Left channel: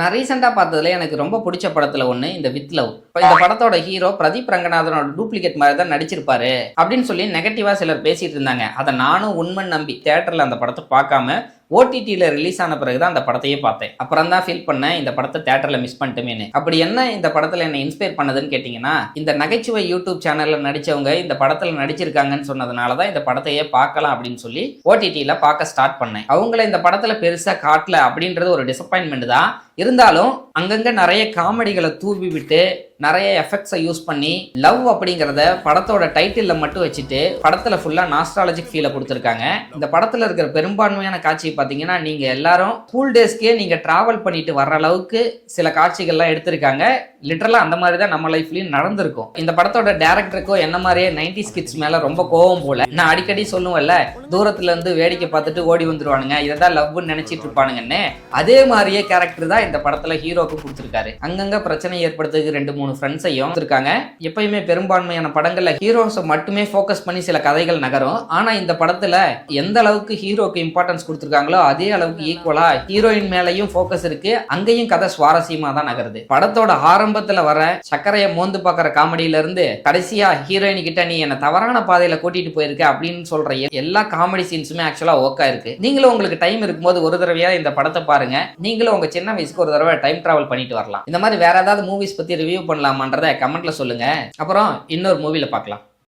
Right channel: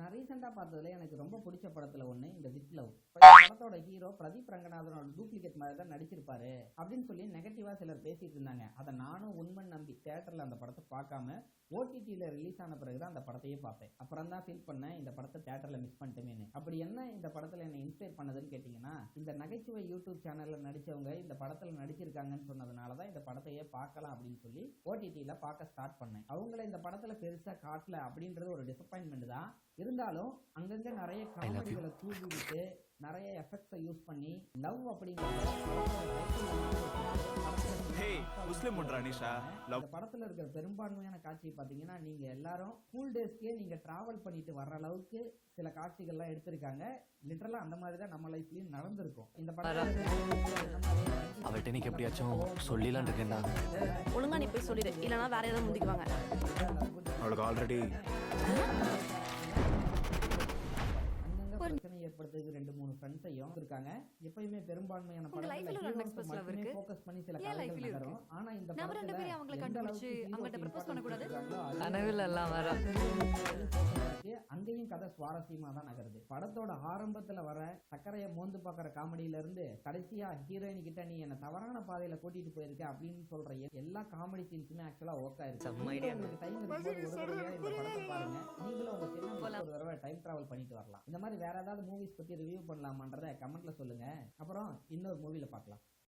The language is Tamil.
நான் ரீசெண்டா பார்த்ததுல எனக்கு ரொம்ப புடிச்ச படத்துல ஒண்ணு இந்த வித் லவ். இப்ப இந்த படத்தோட ஹீரோ பிரதீப் ரங்கநாதனோட டூப்ளிகேட் மாதிரி தான் நடிச்சிருப்பாரு அப்படின்னு சொல்லி நெகட்டிவா சிலர் பேசிட்டு இருந்தாங்க. அதை நானும் உண்மைன்னு நம்பி தியேட்டர்ல அந்த படத்தை பார்க்காம ஓடிடியில் ரிலீஸ் ஆன பிறகு தான் அந்த படத்தையே பார்த்தேன். அப்புறம் தான் ஃபீல் பண்ணேன் இந்த படத்தை தியேட்டரில் மிஸ் பண்ணிட்டுமேனு. அப்படி என்ன இந்த படத்தில் என்னை இன்ஸ்பயர் பண்ணதுன்னு கேட்டிங்கன்னா, இந்த நகைச்சுவை யூடியூப் சேனலில் நடித்தவங்க இந்த படத்தில் நடிச்சிருக்காங்கன்னு சொன்னதுனால தான் இந்த படத்தையே பார்க்கலாம் அப்படின்னு சொல்லி ஓடிடியில் பார்க்க ஸ்டார்ட் பண்ணேன். அவங்கள இந்த படத்தில் பெருசாக காட்டல அப்படின்றது ஒரு டிசப்பாயின்மெண்ட் தான். இருந்தாலும் அங்கங்கே நிறைய காமெடிகளை தூவி விட்டு நிறைய எஃபெக்ட்ஸை யூஸ் பண்ணி லவ் அப்படிங்கிறத படத்தோட டைட்டிலில் மட்டும் வச்சுட்டு படத்தில் ஃபுல்லாக நாஸ்டாலஜிக் ஃபீலை கொடுத்துருக்காங்க. இந்த படத்தில் இருக்கிற பெரும்பான்மையான காட்சி பார்த்தீங்கன்னா நீங்கள் எல்லாரும் ஸ்கூல் டேஸ்க்கே நீங்கள் ட்ராவல் பண்ணிட்டு வர்ற அளவுக்கு சில காட்சிகள்லாம் எடுத்திருக்காங்க. லிட்டரலாக அந்த மாதிரி தான் நம்ம லைஃப்லையும் நடந்திருக்கும். இந்த படத்தோட டேரக்டருக்கோ என்ன மாதிரியே 90s கிட்ஸ் மேலே ரொம்ப கோவம் போல. நான் அடிக்கடி சொல்லுவேன்ல, தூரத்துல இருந்து வேடிக்கை பார்த்துட்டு ஓடி வந்துருவானுங்க, இதை தான் லவ்னு நினைச்சிட்டு இருப்பானுங்கன்னு. அதே மாதிரியே கேரக்டர் தான் இந்த படத்துல ஹீரோக்கு கொடுத்துருக்காரு. அங்கங்க பிரச்சனை ஏற்படுத்துறதுக்கு 2-3 ஃப்ரெண்ட்ஸையும் இருக்காங்க. எப்பயுமே பெரும்பான்மையான படங்கள்ல ஹீரோஸை மட்டுமே ஃபோக்கஸ் பண்ணி சில கதைகள் நகரும். ஆனா இந்த படத்துல எந்த அளவுக்கு ஹீரோக்கு இம்பார்ட்டன்ஸ் கொடுத்துருக்காங்களோ அதே அளவுக்கு ஈக்குவலா ஹீரோயின் மேலையும் ஃபோக்கஸ் இருக்கு. அங்கேயும் கதை சுவாரஸ்யமா தான் நகருது. படத்தோட ஆரம்பத்துல வர சக்கரையை மோந்து பாக்குற காமெடியில இருந்து கடைசியா ஹீரோயின் கிட்ட நீ என்ன தவறான பாதையில கூட்டிட்டு போயிருக்க அப்படின்னு சொல்ற எல்லா காமெடி சீன்ஸுமே ஆக்சுவலா ஓக்கா இருக்கு. நீங்களும் உங்களுக்கு டைம் இருக்கும்போது ஒரு தடவையா இந்த படத்தை பாருங்க. நீங்களும் உங்க சின்ன வயசுக்கு ஒரு தடவை டைம் டிராவல் பண்ணிட்டு வரலாம். இந்த மாதிரி வேற ஏதாவது மூவிஸ் பத்தி ரிவ்யூ பண்ணலாமான்றத கமெண்ட்ல சொல்லுங்க. அப்புறம் இன்னொரு மூவில பார்க்கலாம்.